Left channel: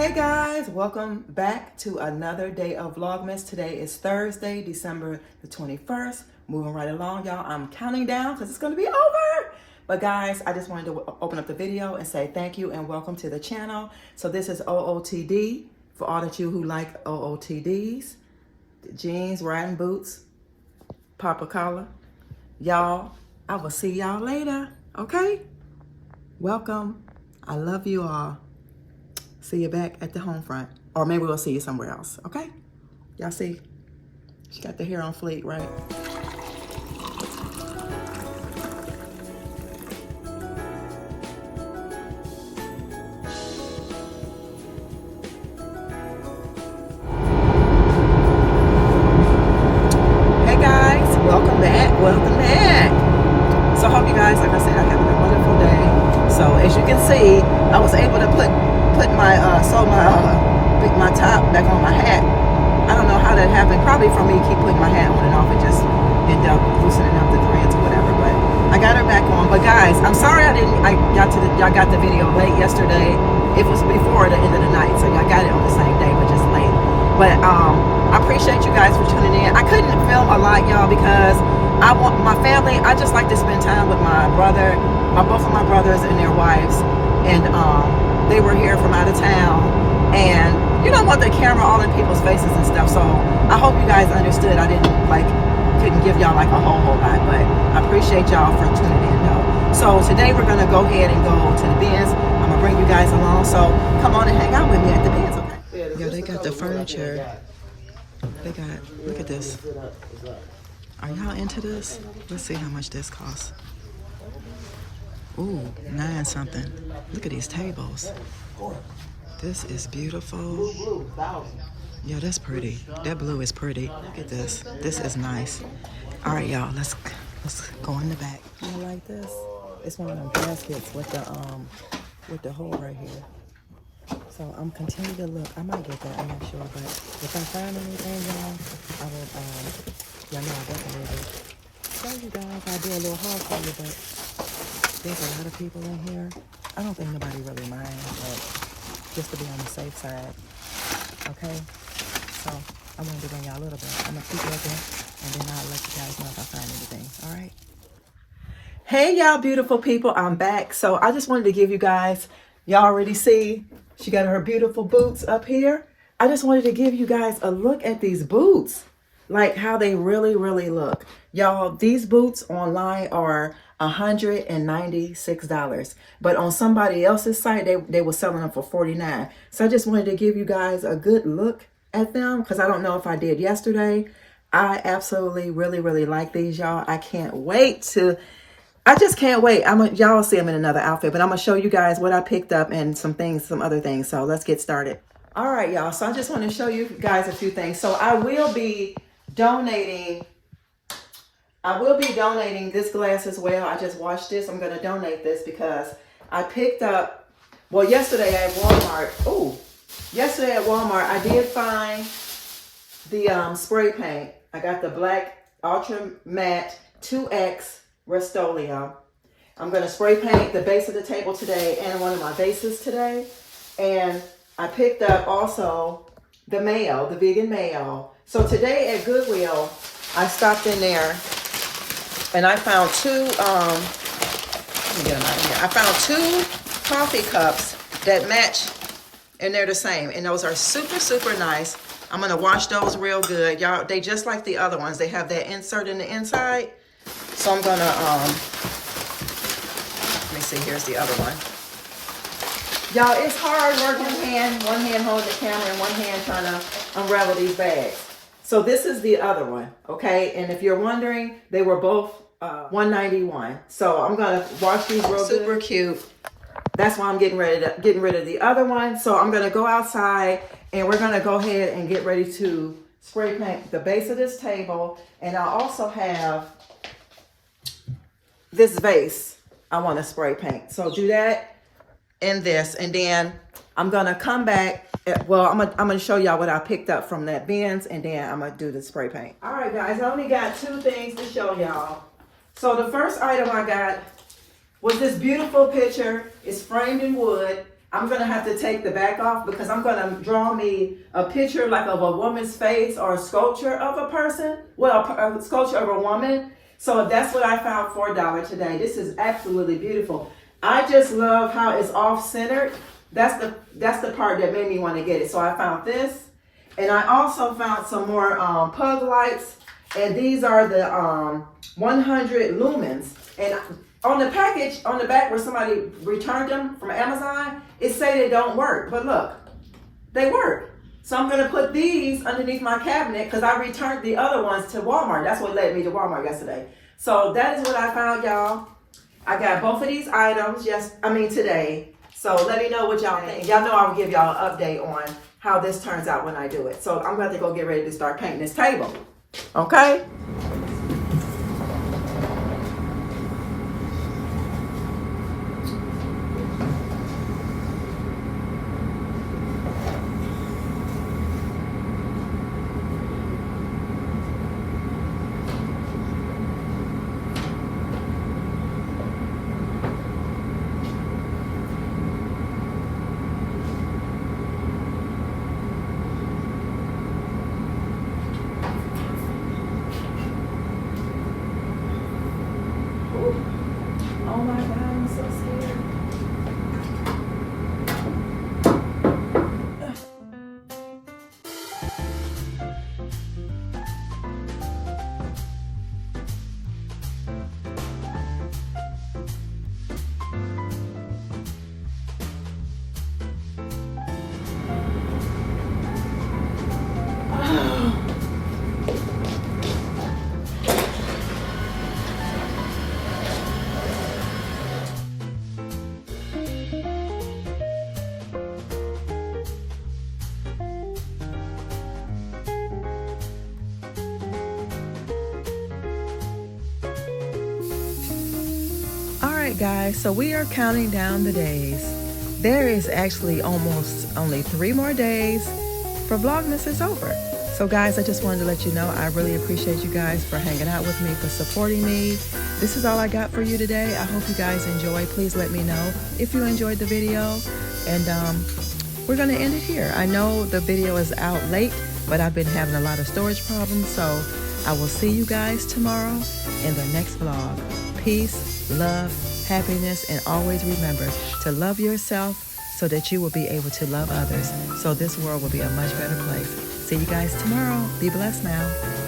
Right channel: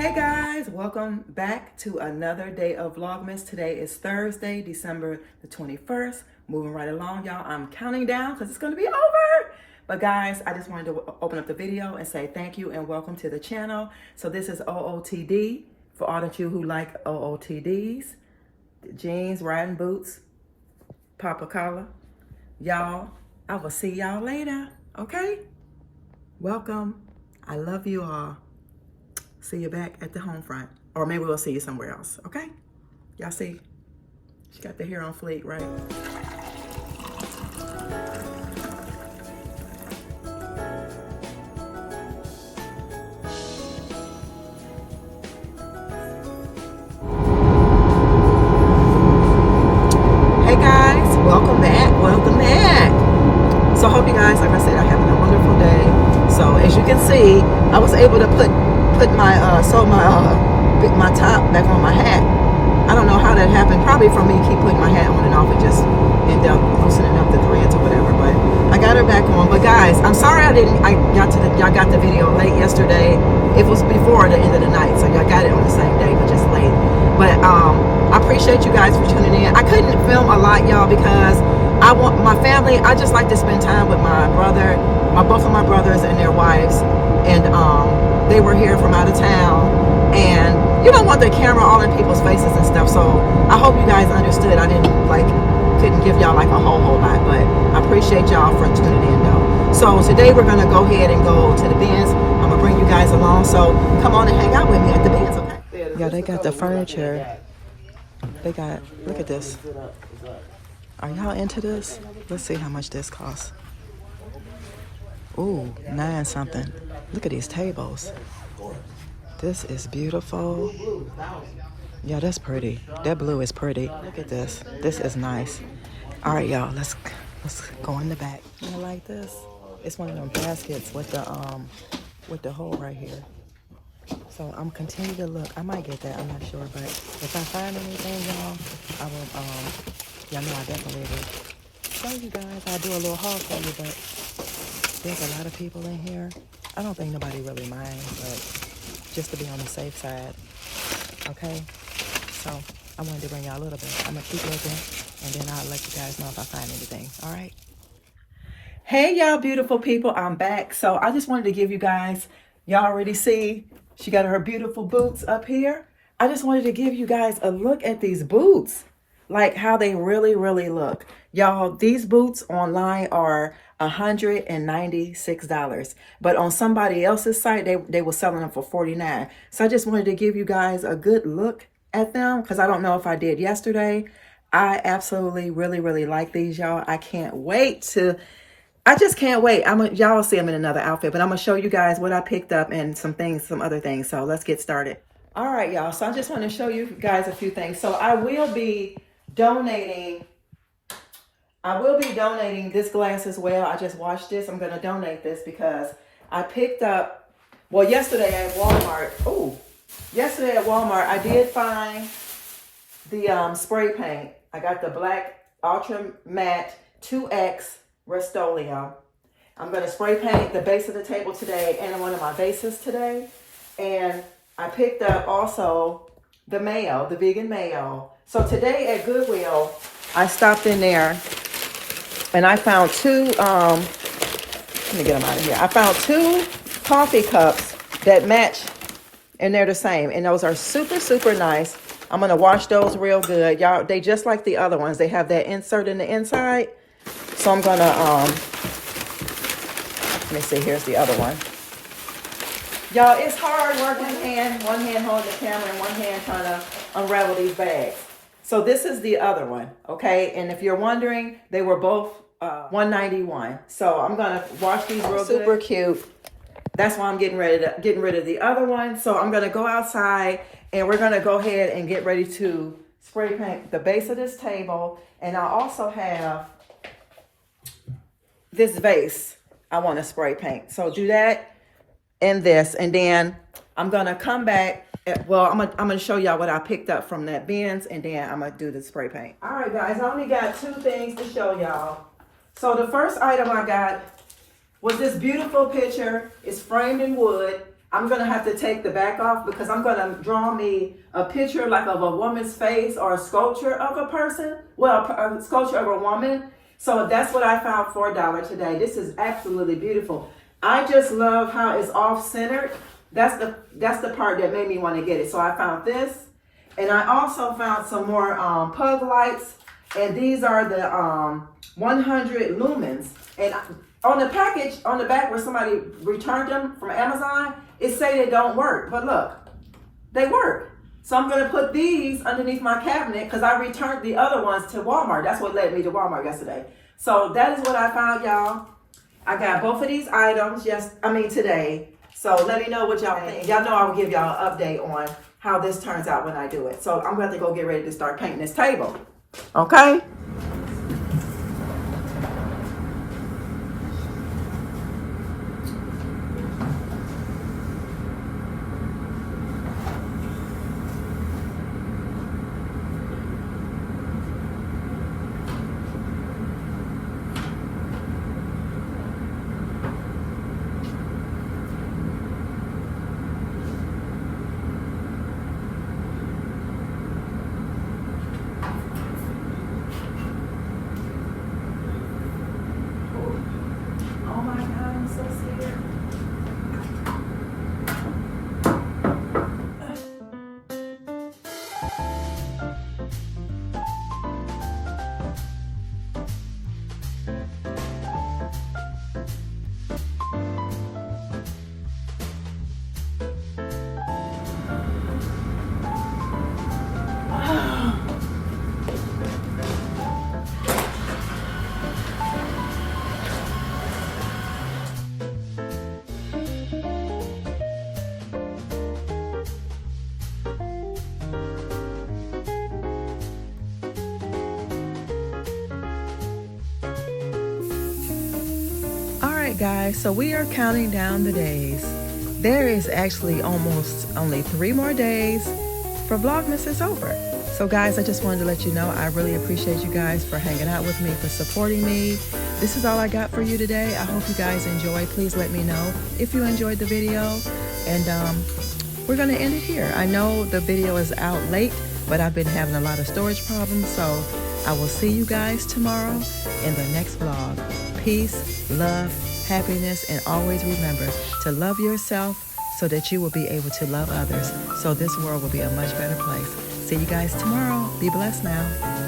Hey guys, welcome back to another day of Vlogmas. Today is Thursday, December the 21st. Moving right along, y'all. I'm counting down because it's going to be over. But guys, I just wanted to open up the video and say thank you and welcome to the channel. So this is OOTD for all of you who like OOTDs. Jeans, riding boots, Papa collar. Y'all, I will see y'all later, okay? Welcome. I love you all. See you back at the home front. Or maybe we'll see you somewhere else, okay? Y'all see? She got the hair on fleek, right? Hey guys, welcome back, welcome back. So I hope you guys, like I said, are having a wonderful day. So as you can see, I was able to put my top back on my hat. I don't know how that happened. Probably from me keep putting my hat on and off and just end up loosening up the threads or whatever. But I got her back on. But guys, I'm sorry y'all got the video late yesterday. It was before the end of the night, so y'all got it on the same day, but just late. But I appreciate you guys for tuning in. I couldn't film a lot, y'all, because I want my family. I just like to spend time with my brother, both of my brothers and their wives, and they were here from out of town. And you don't want the camera all in people's faces and stuff, so I hope you guys understood. I couldn't give y'all like a whole lot, but I appreciate y'all for tuning in though. So today we're gonna go ahead and go to the bins. I'm gonna bring you guys along, so come on and hang out with me at the bins, okay? Yeah, they got the furniture. They got, look at this. Are y'all into this? Let's see how much this costs. Ooh, 9 something. Look at these tables. This is beautiful. Yeah, that's pretty. That blue is pretty. Look at this. This is nice. All right, y'all. Let's go in the back. You like this? It's one of them baskets with the hole right here. So I'm continuing to look. I might get that. I'm not sure, but if I find anything, y'all, I will. Y'all know I definitely will show you guys. I'll do a little haul for you, but there's a lot of people in here. I don't think nobody really minds, but just to be on the safe side, okay? So I wanted to bring y'all a little bit. I'm gonna keep looking, and then I'll let you guys know if I find anything, all right? Hey, y'all beautiful people, I'm back. So I just wanted to give you guys, y'all already see, she got her beautiful boots up here. I just wanted to give you guys a look at these boots, like how they really, really look. Y'all, these boots online are $196, but on somebody else's site they were selling them for $49. So I just wanted to give you guys a good look at them, because I don't know if I did yesterday. I absolutely really like these, y'all. I just can't wait. Y'all will see them in another outfit, but I'm gonna show you guys what I picked up and some other things. So let's get started. All right, y'all, so I just want to show you guys a few things. So I will be donating this glass as well. I just washed this. I'm going to donate this because I picked up, well, yesterday at Walmart. Yesterday at Walmart, I did find the spray paint. I got the black Ultra Matte 2X Rust-Oleum. I'm going to spray paint the base of the table today and one of my vases today. And I picked up also the mayo, the vegan mayo. So today at Goodwill, I stopped in there and I found I found 2 coffee cups that match, and they're the same. And those are super nice. I'm gonna wash those real good. Y'all, they just like the other ones. They have that insert in the inside. So I'm gonna, let's see, here's the other one. Y'all, it's hard working one hand holding the camera and one hand trying to unravel these bags. So this is the other one, okay? And if you're wondering, they were both $191. So I'm gonna wash these real good. Super cute. That's why I'm getting rid of the other one. So I'm gonna go outside and we're gonna go ahead and get ready to spray paint the base of this table. And I also have this vase I want to spray paint. So do that and this, and then I'm gonna come back. I'm gonna show y'all what I picked up from that bins, and then I'm gonna do the spray paint. All right, guys, I only got 2 things to show y'all. So the first item I got was this beautiful picture. It's framed in wood. I'm going to have to take the back off because I'm going to draw me a picture like of a woman's face or a sculpture of a person. Well, a sculpture of a woman. So that's what I found for $1 today. This is absolutely beautiful. I just love how it's off-centered. That's the part that made me want to get it. So I found this. And I also found some more pug lights. And these are the 100 lumens. And on the package, on the back where somebody returned them from Amazon, it say they don't work. But look, they work. So I'm going to put these underneath my cabinet because I returned the other ones to Walmart. That's what led me to Walmart yesterday. So that is what I found, y'all. I got both of these items today. So let me know what y'all think. Y'all know I will give y'all an update on how this turns out when I do it. So I'm going to go get ready to start painting this table. Okay? Oh my God, I'm so scared. Alright guys, so we are counting down the days. There is actually almost only 3 more days for Vlogmas is over. So guys, I just wanted to let you know I really appreciate you guys for hanging out with me, for supporting me. This is all I got for you today. I hope you guys enjoy. Please let me know if you enjoyed the video. And we're going to end it here. I know the video is out late, but I've been having a lot of storage problems. So I will see you guys tomorrow in the next vlog. Peace, love, happiness, and always remember to love yourself so that you will be able to love others. So this world will be a much better place. See you guys tomorrow. Be blessed now.